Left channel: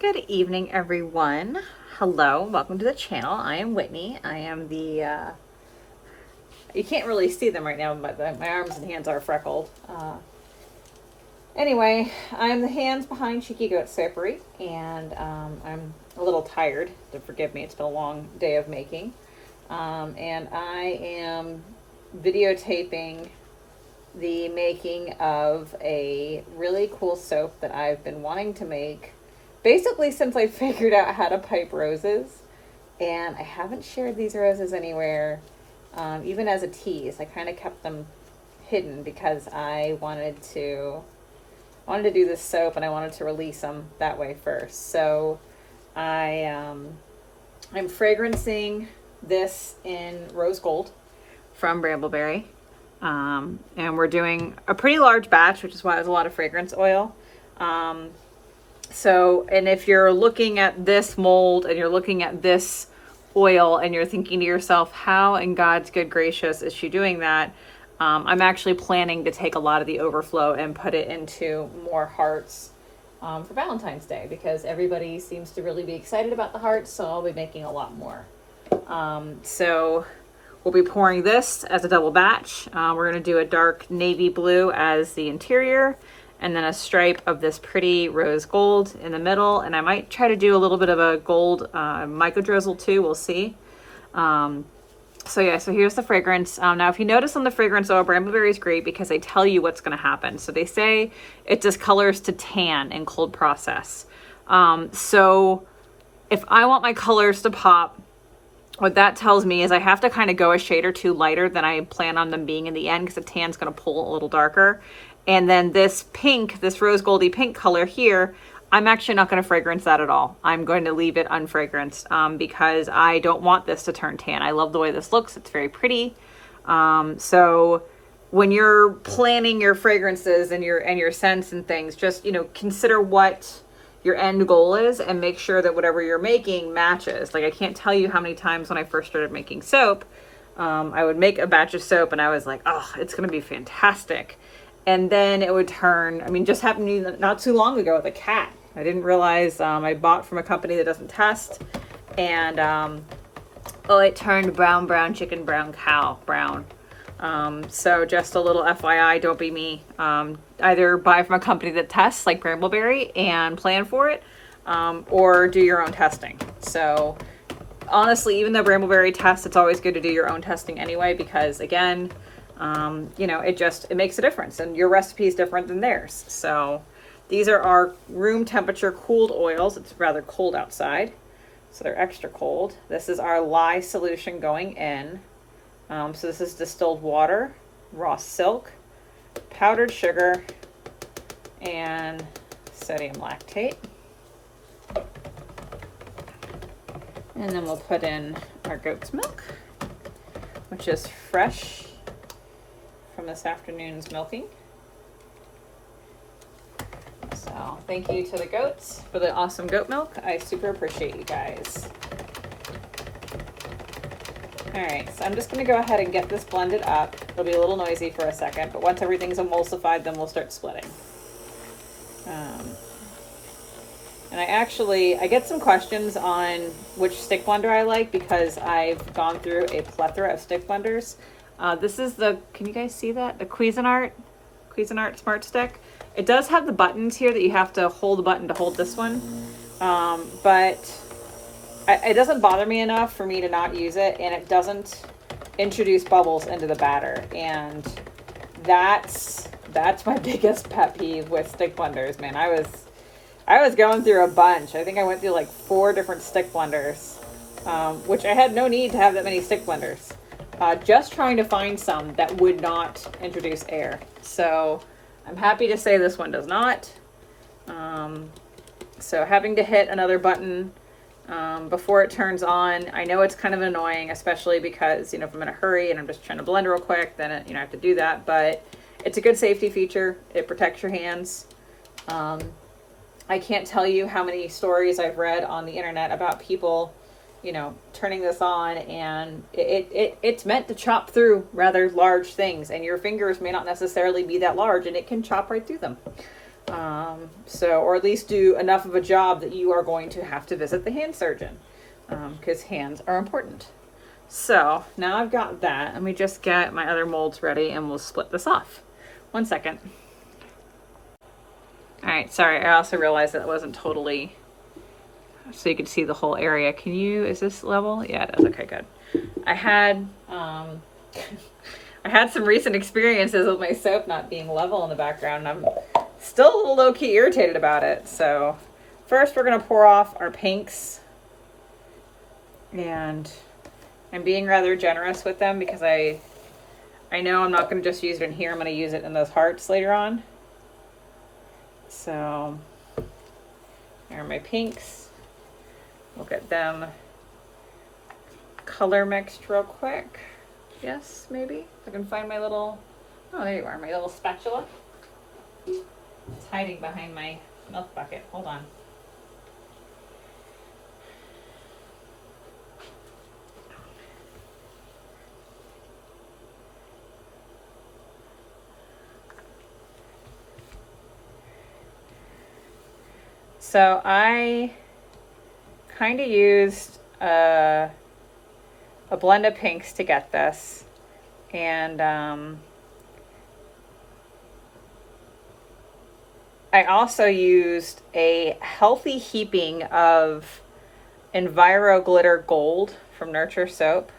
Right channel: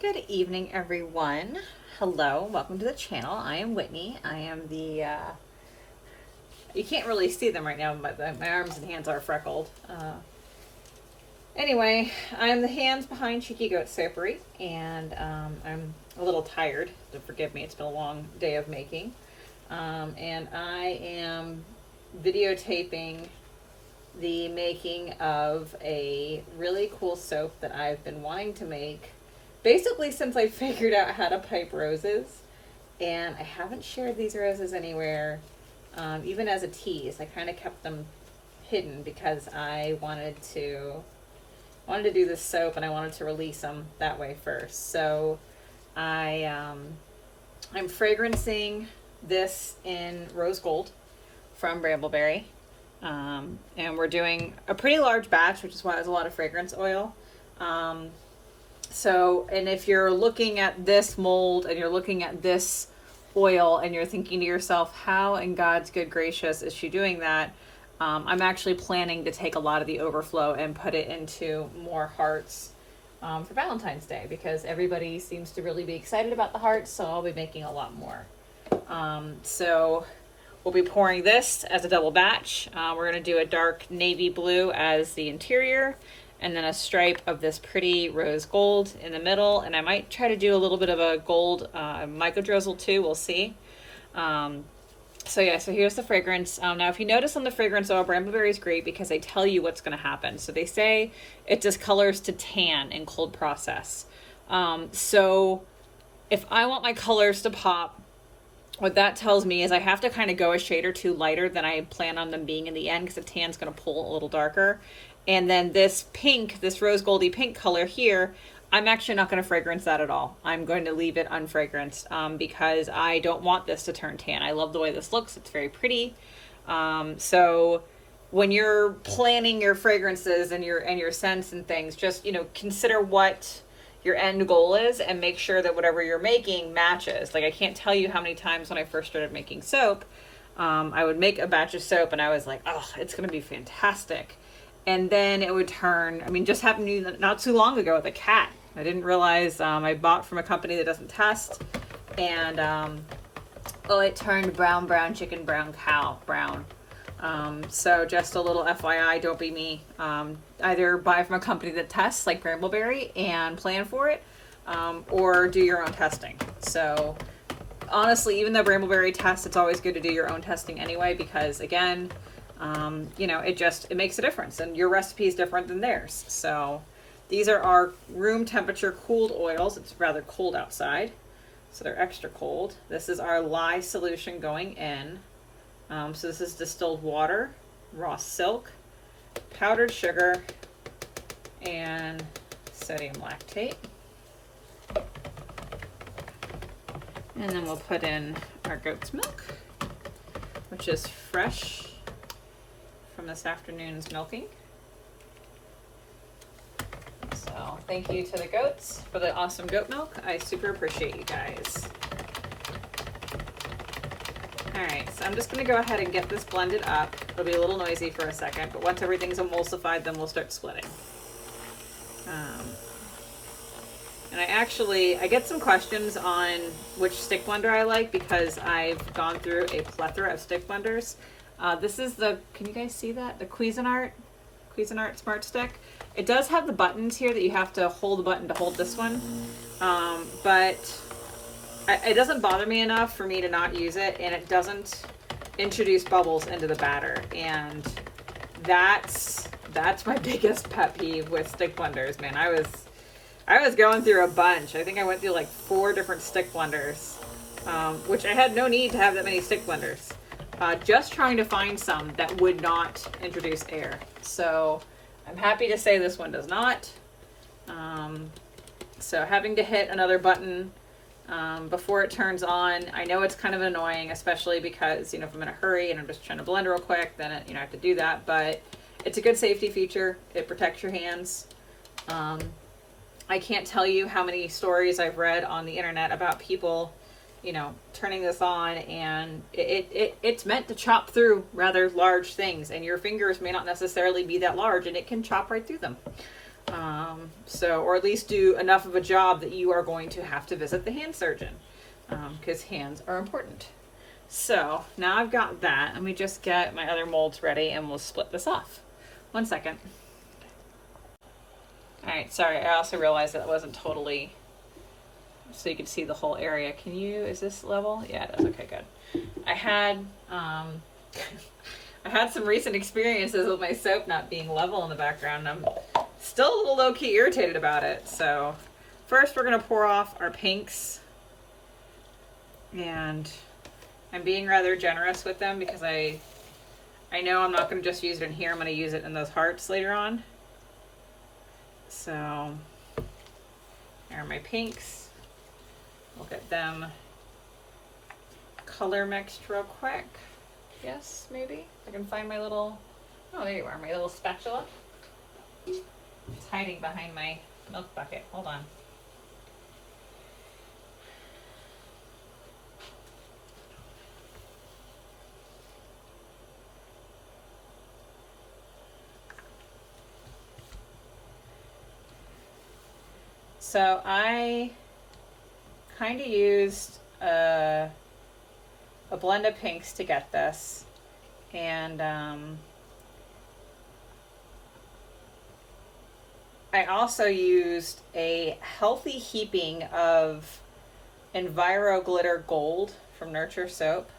Good evening, everyone. Hello, welcome to the channel. I am Whitney. I am the, you can't really see them right now, but my arms and hands are freckled. Anyway, I am the hands behind Cheeky Goat Soapery, and I'm a little tired, so forgive me, it's been a long day of making. And I am videotaping the making of a really cool soap that I've been wanting to make basically since I figured out how to pipe roses, and I haven't shared these roses anywhere, even as a tease. I kind of kept them hidden because I wanted to do this soap and I wanted to release them that way first. So I'm fragrancing this in rose gold from Brambleberry. And we're doing a pretty large batch, which is why there's a lot of fragrance oil. And if you're looking at this mold and you're looking at this oil and you're thinking to yourself, how in God's good gracious is she doing that? I'm actually planning to take a lot of the overflow and put it into more hearts for Valentine's Day, because everybody seems to really be excited about the hearts, so I'll be making a lot more. So we'll be pouring this as a double batch. We're going to do a dark navy blue as the interior, and then a stripe of this pretty rose gold in the middle. And I might try to do a little bit of a gold micro drizzle too. We'll see. So here's the fragrance. Now, if you notice on the fragrance oil, Brambleberry is great because they tell you what's going to happen. So they say it discolors to tan in cold process. So if I want my colors to pop, what that tells me is I have to kind of go a shade or two lighter than I plan on them being in the end, because the tan's going to pull a little darker. And then this pink, this rose goldy pink color here, I'm actually not going to fragrance that at all. I'm going to leave it unfragranced because I don't want this to turn tan. I love the way this looks. It's very pretty. So when you're planning your fragrances and your scents and things, just, consider what your end goal is and make sure that whatever you're making matches. Like, I can't tell you how many times when I first started making soap, I would make a batch of soap and I was like, oh, it's going to be fantastic. And then it would turn, just happened to me not too long ago with a cat. I didn't realize I bought from a company that doesn't test. And, it turned brown chicken, brown cow, brown. So just a little FYI, don't be me. Either buy from a company that tests like Brambleberry and plan for it, or do your own testing. So honestly, even though Brambleberry tests, it's always good to do your own testing anyway, because again, it makes a difference, and your recipe is different than theirs. So these are our room temperature cooled oils. It's rather cold outside, so they're extra cold. This is our lye solution going in. So this is distilled water, raw silk, powdered sugar, and sodium lactate. And then we'll put in our goat's milk, which is fresh from this afternoon's milking. So thank you to the goats for the awesome goat milk. I super appreciate you guys. All right, so I'm just going to go ahead and get this blended up. It'll be a little noisy for a second, but once everything's emulsified, then we'll start splitting. And I get some questions on which stick blender I like, because I've gone through a plethora of stick blenders. This is can you guys see that? The Cuisinart Smart Stick. It does have the buttons here that you have to hold the button to hold this one. But it doesn't bother me enough for me to not use it, and it doesn't introduce bubbles into the batter. And that's my biggest pet peeve with stick blenders, man. I was going through a bunch. I think I went through like 4 different stick blenders, which I had no need to have that many stick blenders. Just trying to find some that would not introduce air. So I'm happy to say this one does not. So having to hit another button before it turns on, I know it's kind of annoying, especially because, if I'm in a hurry and I'm just trying to blend real quick, then I have to do that. But it's a good safety feature. It protects your hands. I can't tell you how many stories I've read on the internet about people, turning this on, and it's meant to chop through rather large things, and your fingers may not necessarily be that large, and it can chop right through them. So, or at least do enough of a job that you are going to have to visit the hand surgeon, because hands are important. So now I've got that. Let me just get my other molds ready and we'll split this off. 1 second. All right, sorry, I also realized that it wasn't totally, so you could see the whole area. Can you, is this level? Yeah, it is. Okay, good. I had some recent experiences with my soap not being level in the background, and I'm still a little low-key irritated about it. So first we're gonna pour off our pinks, and I'm being rather generous with them because I know I'm not gonna just use it in here, I'm gonna use it in those hearts later on. So here are my pinks. We'll get them color mixed real quick. Yes, maybe. I can find my little, oh, there you are, my little spatula. It's hiding behind my milk bucket. Hold on. So I kind of used a blend of pinks to get this, and I also used a healthy heaping of Enviro Glitter Gold from Nurture Soap.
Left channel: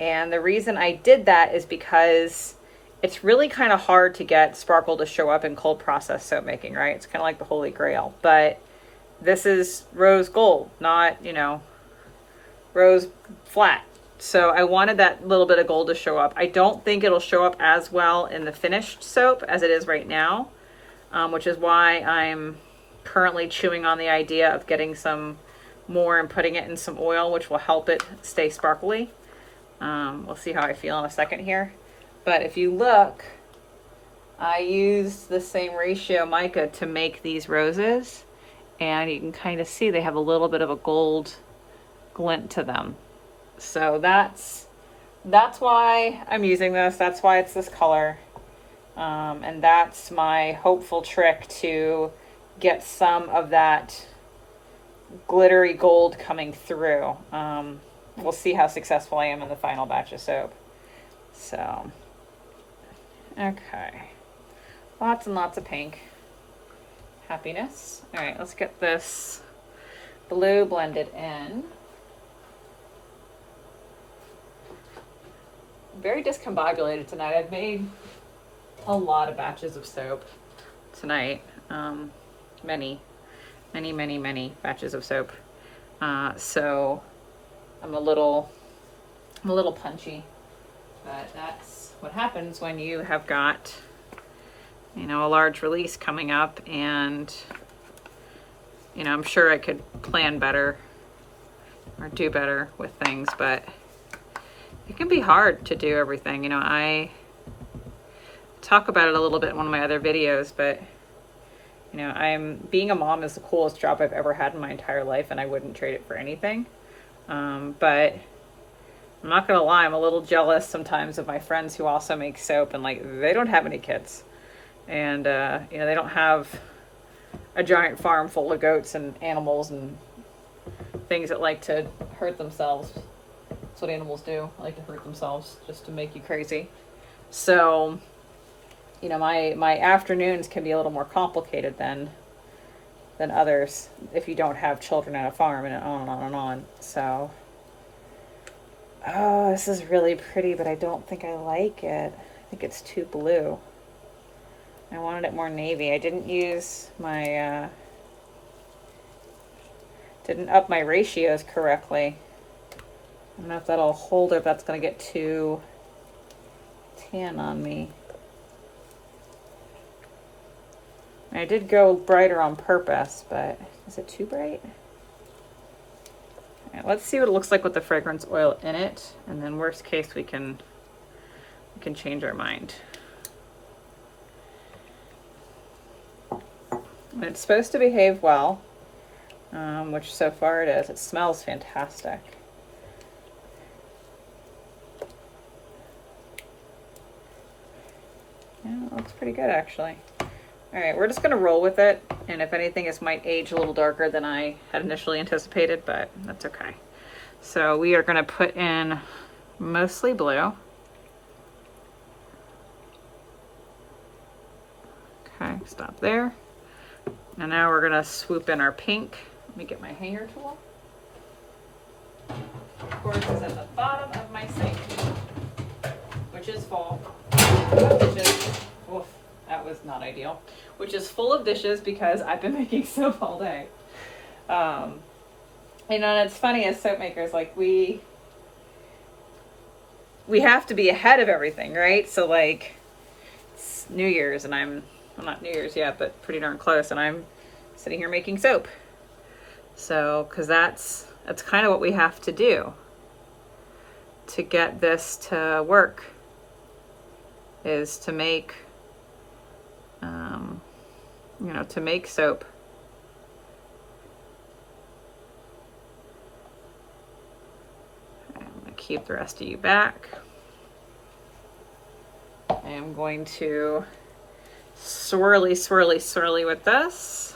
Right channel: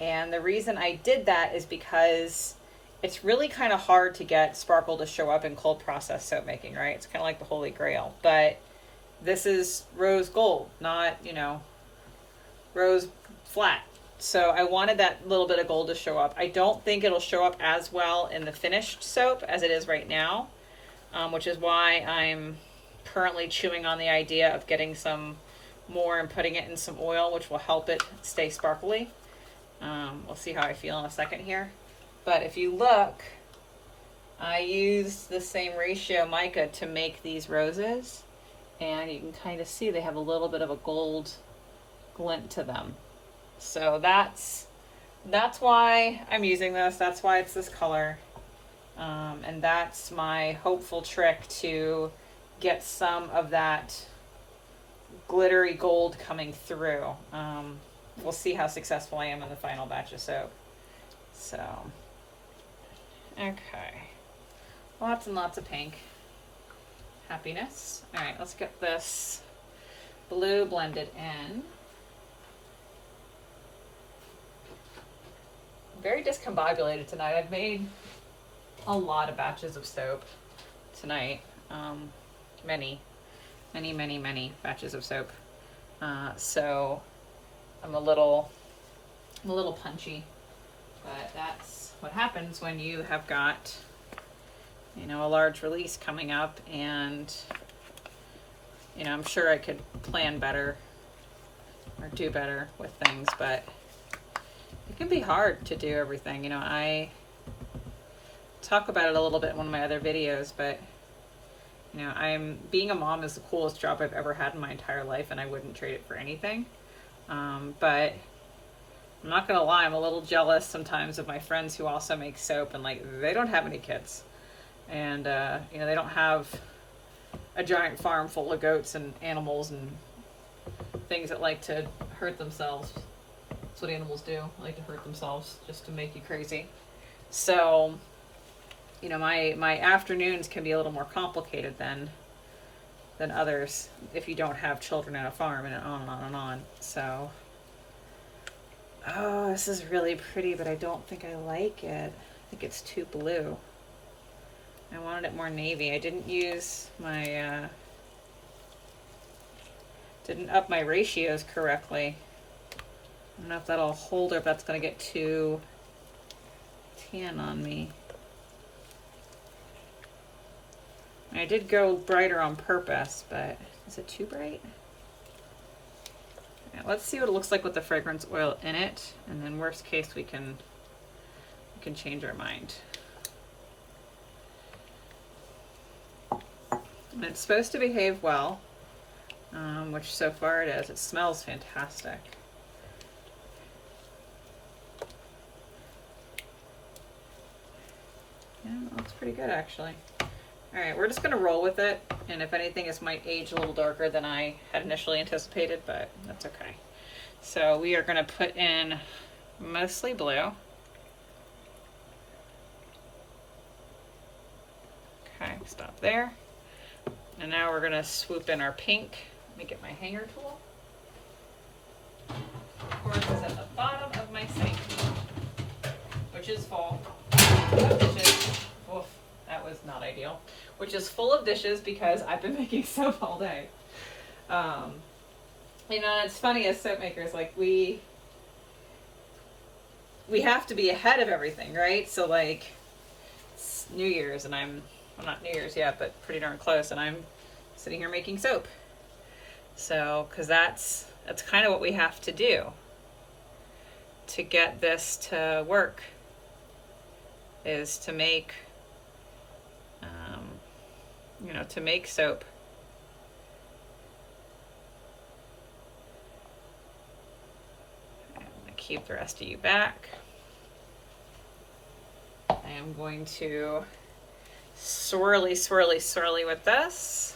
And the reason I did that is because it's really kind of hard to get sparkle to show up in cold process soap making, right? It's kind of like the holy grail. But this is rose gold, not, you know, rose flat. So I wanted that little bit of gold to show up. I don't think it'll show up as well in the finished soap as it is right now, which is why I'm currently chewing on the idea of getting some more and putting it in some oil, which will help it stay sparkly. We'll see how I feel in a second here. But if you look, I used the same ratio mica to make these roses, and you can kind of see they have a little bit of a gold glint to them. So that's why I'm using this. That's why it's this color. And that's my hopeful trick to get some of that glittery gold coming through. We'll see how successful I am in the final batch of soap. So, okay. Lots and lots of pink. Happiness. All right, let's get this blue blended in. Very discombobulated tonight. I've made a lot of batches of soap tonight. Many batches of soap. So I'm a little punchy, but that's what happens when you have got, you know, a large release coming up, and, you know, I'm sure I could plan better or do better with things, but it can be hard to do everything. You know, I talk about it a little bit in one of my other videos, but, you know, being a mom is the coolest job I've ever had in my entire life, and I wouldn't trade it for anything. But I'm not gonna lie, I'm a little jealous sometimes of my friends who also make soap, and like, they don't have any kids, and you know, they don't have a giant farm full of goats and animals and things that like to hurt themselves. That's what animals do. They like to hurt themselves just to make you crazy. So, you know, my afternoons can be a little more complicated than others if you don't have children at a farm, and on and on and on. So, oh, this is really pretty, but I don't think I like it. I think it's too blue. I wanted it more navy. I didn't use my, didn't up my ratios correctly. I don't know if that'll hold or if that's going to get too tan on me. I did go brighter on purpose, but is it too bright? All right, let's see what it looks like with the fragrance oil in it, and then worst case we can change our mind. And it's supposed to behave well, which so far it is. It smells fantastic. Yeah, it looks pretty good actually. All right, we're just gonna roll with it. And if anything, this might age a little darker than I had initially anticipated, but that's okay. So we are gonna put in mostly blue. Okay, stop there. And now we're gonna swoop in our pink. Let me get my hanger tool. Of course, it's at the bottom of my sink, which is full of dishes. Oof, that was not ideal. Which is full of dishes because I've been making soap all day. You know, it's funny as soap makers, like we have to be ahead of everything, right? So like it's New Year's and well, not New Year's yet, but pretty darn close, and I'm sitting here making soap. So, because that's kind of what we have to do to get this to work, is to make, you know, to make soap. I'm going to keep the rest of you back. I am going to swirly, swirly, swirly with this.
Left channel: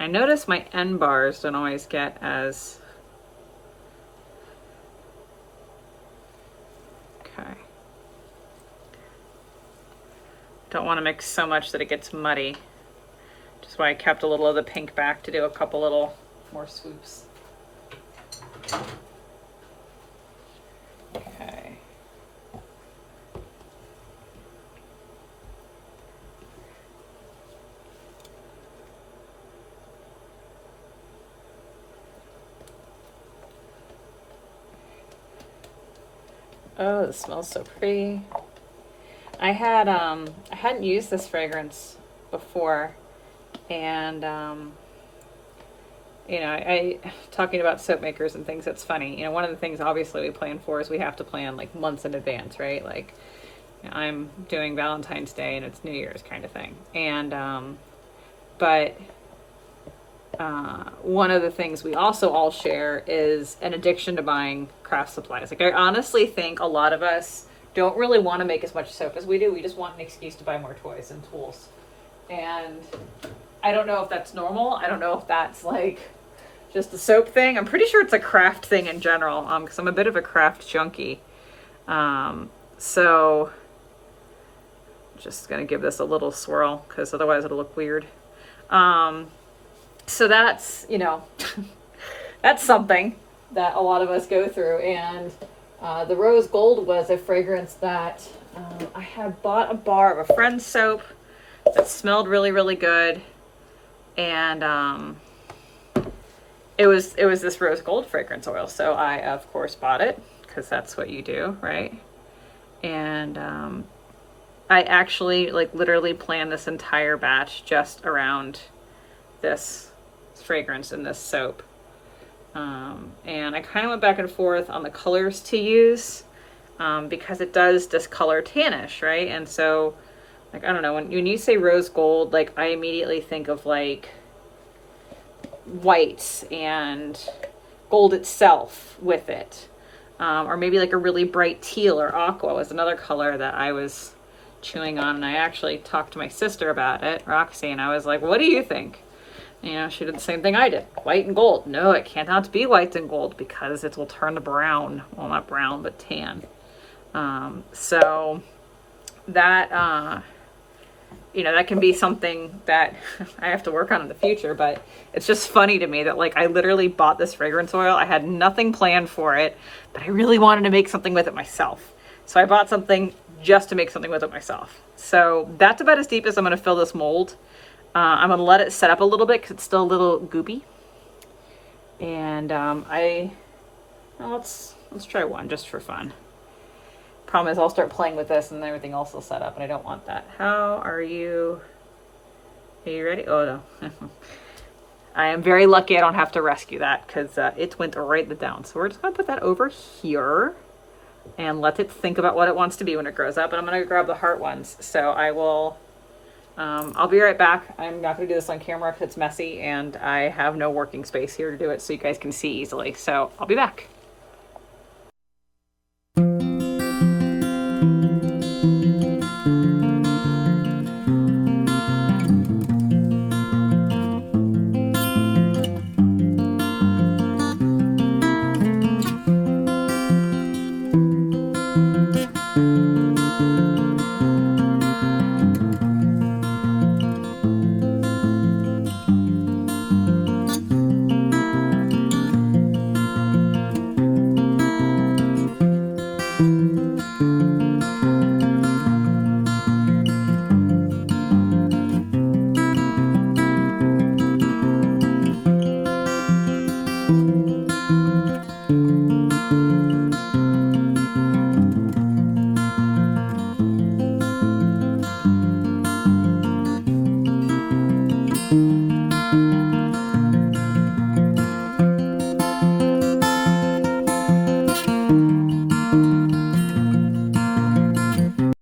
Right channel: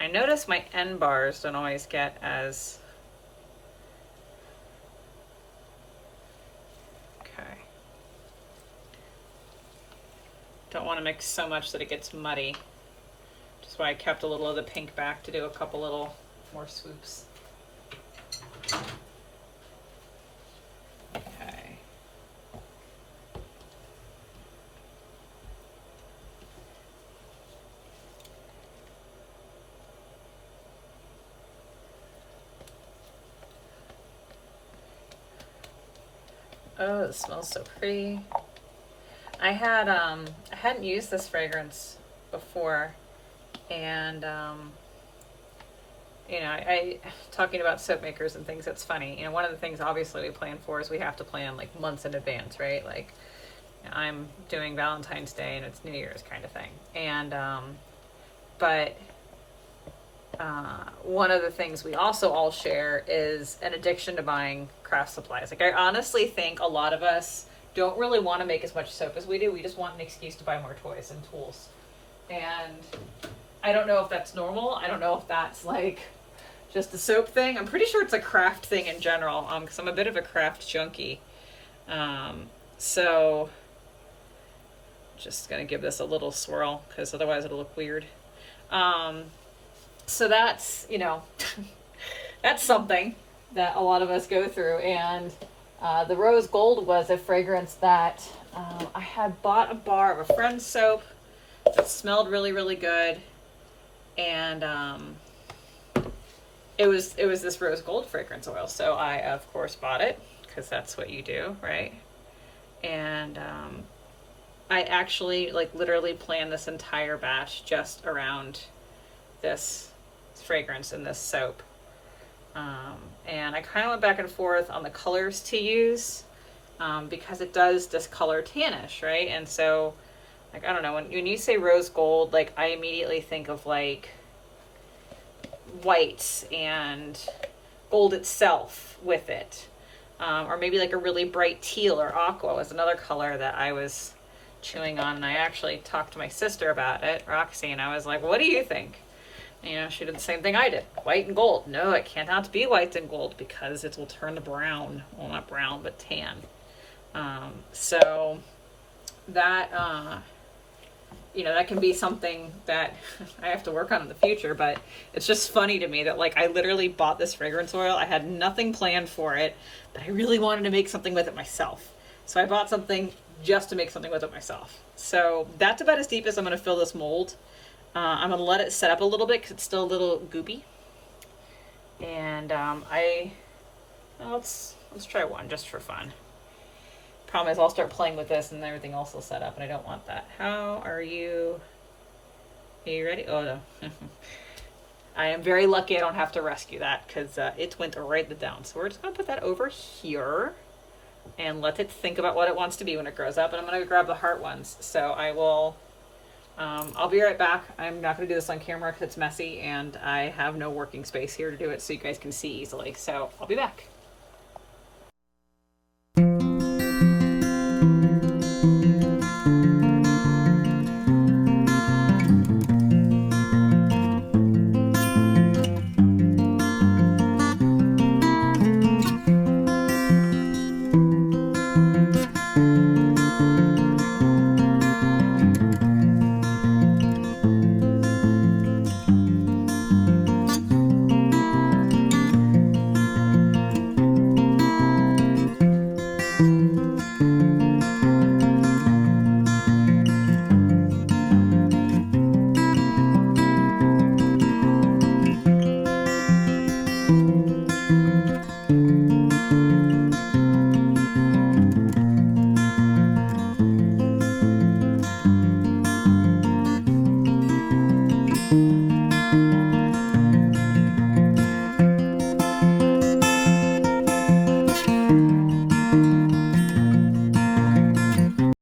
I notice my end bars don't always get as... Okay. Don't want to mix so much that it gets muddy. Just why I kept a little of the pink back to do a couple little more swoops. Okay. Oh, it smells so pretty. I hadn't used this fragrance before, and you know, I talking about soap makers and things, that's funny. You know, one of the things obviously we plan for is we have to plan like months in advance, right? Like, you know, I'm doing Valentine's Day and it's New Year's kind of thing. And but one of the things we also all share is an addiction to buying craft supplies. Like, I honestly think a lot of us don't really want to make as much soap as we do. We just want an excuse to buy more toys and tools. And I don't know if that's normal. I don't know if that's like just a soap thing. I'm pretty sure it's a craft thing in general, because I'm a bit of a craft junkie. So just gonna give this a little swirl because otherwise it'll look weird. So that's, you know, that's something that a lot of us go through. And the rose gold was a fragrance that I had bought a bar of a friend's soap that smelled really, really good. And it was this rose gold fragrance oil. So I, of course, bought it because that's what you do, right? And I actually, like, literally planned this entire batch just around this fragrance and this soap. And I kind of went back and forth on the colors to use because it does discolor tannish, right? And so, like, I don't know, when you say rose gold, like, I immediately think of like whites and gold itself with it. Or maybe like a really bright teal or aqua was another color that I was chewing on. And I actually talked to my sister about it, Roxy, and I was like, what do you think? You know, she did the same thing I did. White and gold. No, it cannot be white and gold because it will turn to brown. Well, not brown, but tan. So that, you know, that can be something that I have to work on in the future, but it's just funny to me that, like, I literally bought this fragrance oil. I had nothing planned for it, but I really wanted to make something with it myself. So I bought something just to make something with it myself. So that's about as deep as I'm going to fill this mold. I'm going to let it set up a little bit because it's still a little goopy. And let's try one just for fun. Problem is I'll start playing with this and everything else will set up, and I don't want that. How are you? Are you ready? Oh, no. I am very lucky I don't have to rescue that because it went right down. So we're just going to put that over here and let it think about what it wants to be when it grows up. And I'm going to grab the heart ones. So I will I'll be right back. I'm not going to do this on camera because it's messy and I have no working space here to do it so you guys can see easily. So I'll be back.